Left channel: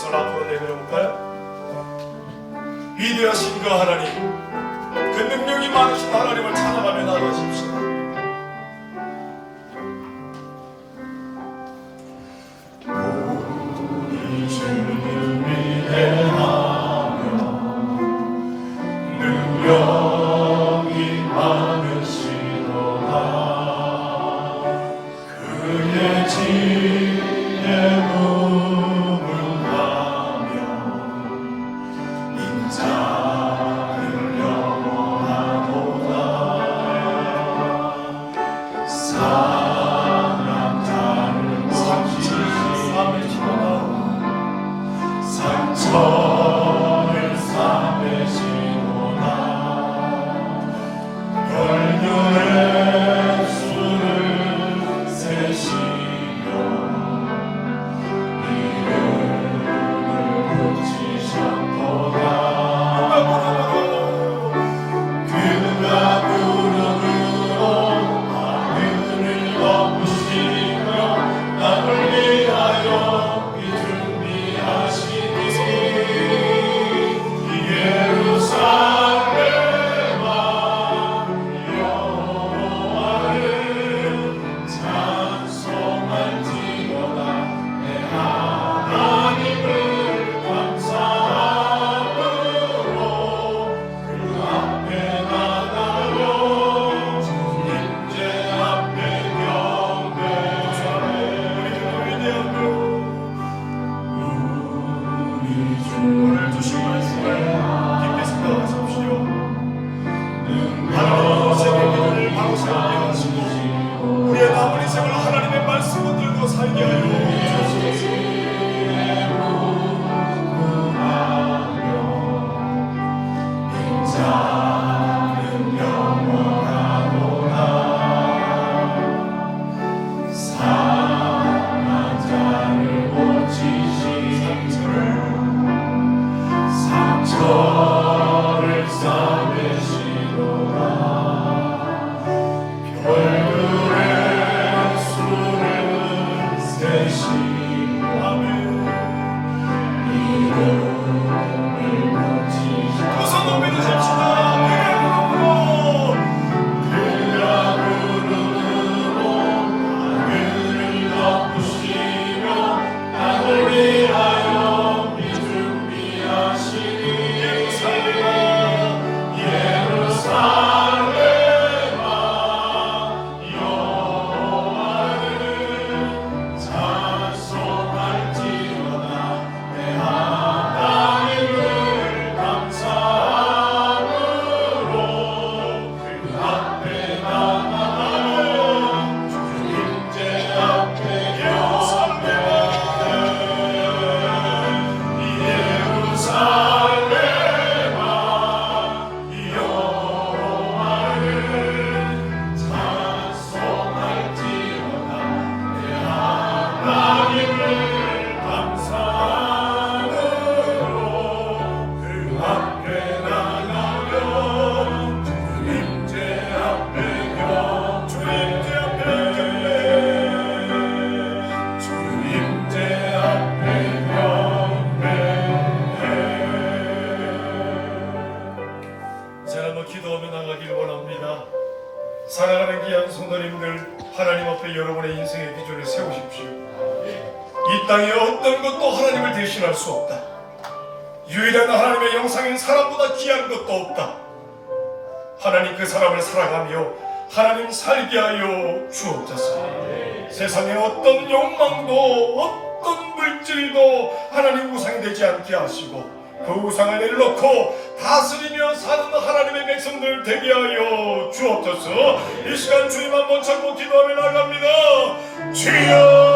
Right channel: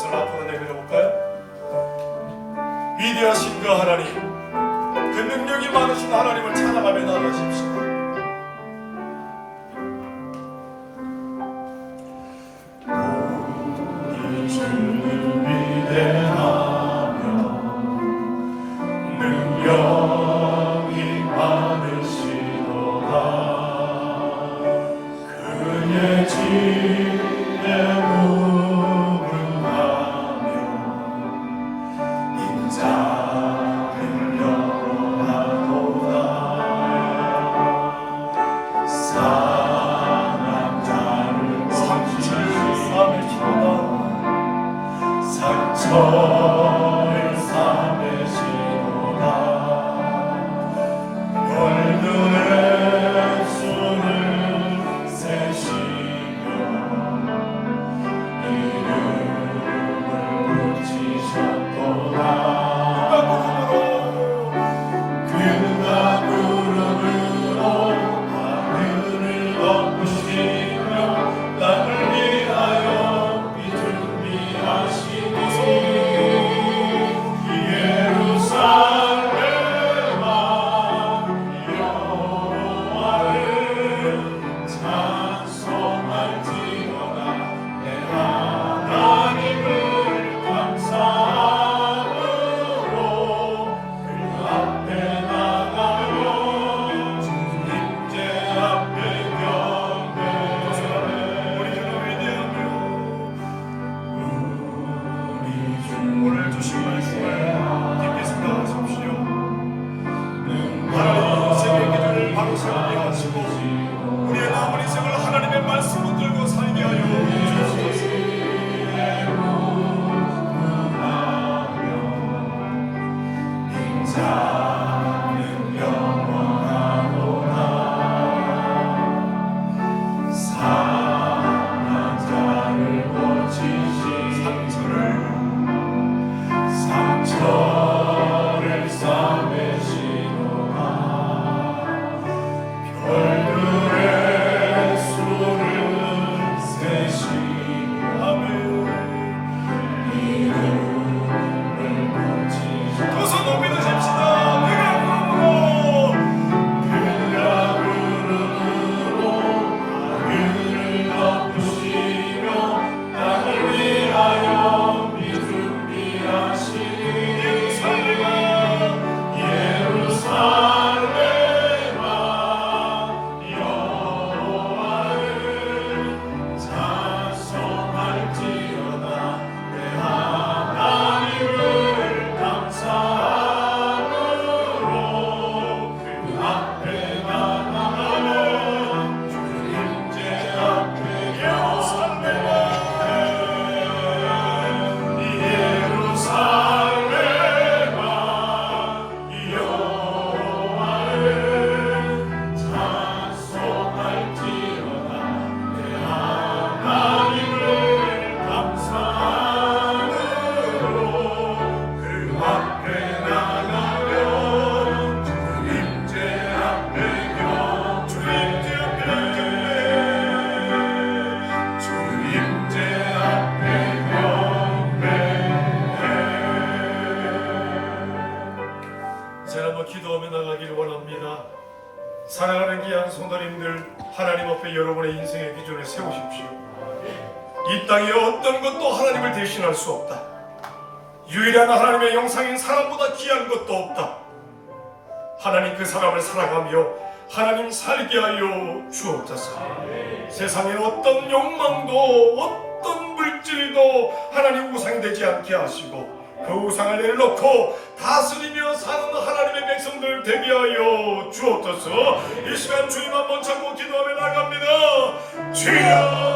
손 앞으로 내밀어 볼까요? 위대하신 그 하나님, 그 능력이 많으신 하나님을 찬양하며 나가십시오. 자 한번 기도하며 나가기를 원합니다. 사랑하는 귀한 성도님들 하나님 앞에 여러분의 인생의 기준을 세우십시오. 이 땅에 어떤 것도 하나님을 대신할 수 없다. 유일한 하나님의 영상인 사람보다 귀한 것도 없다. 하나님 그 사람을 사랑하며 하나님 살게 하여 주옵소서. 세상에 어떤 욕망도 어떤 물질도 하나님 우상이 되지 않게 하시고 그 우상을 내려놓고 다스리며 사는 하나님의 백성들 되게 하여 주옵소서. 이 시간 주님 한번 참고 기도하며 나갑니다. 주여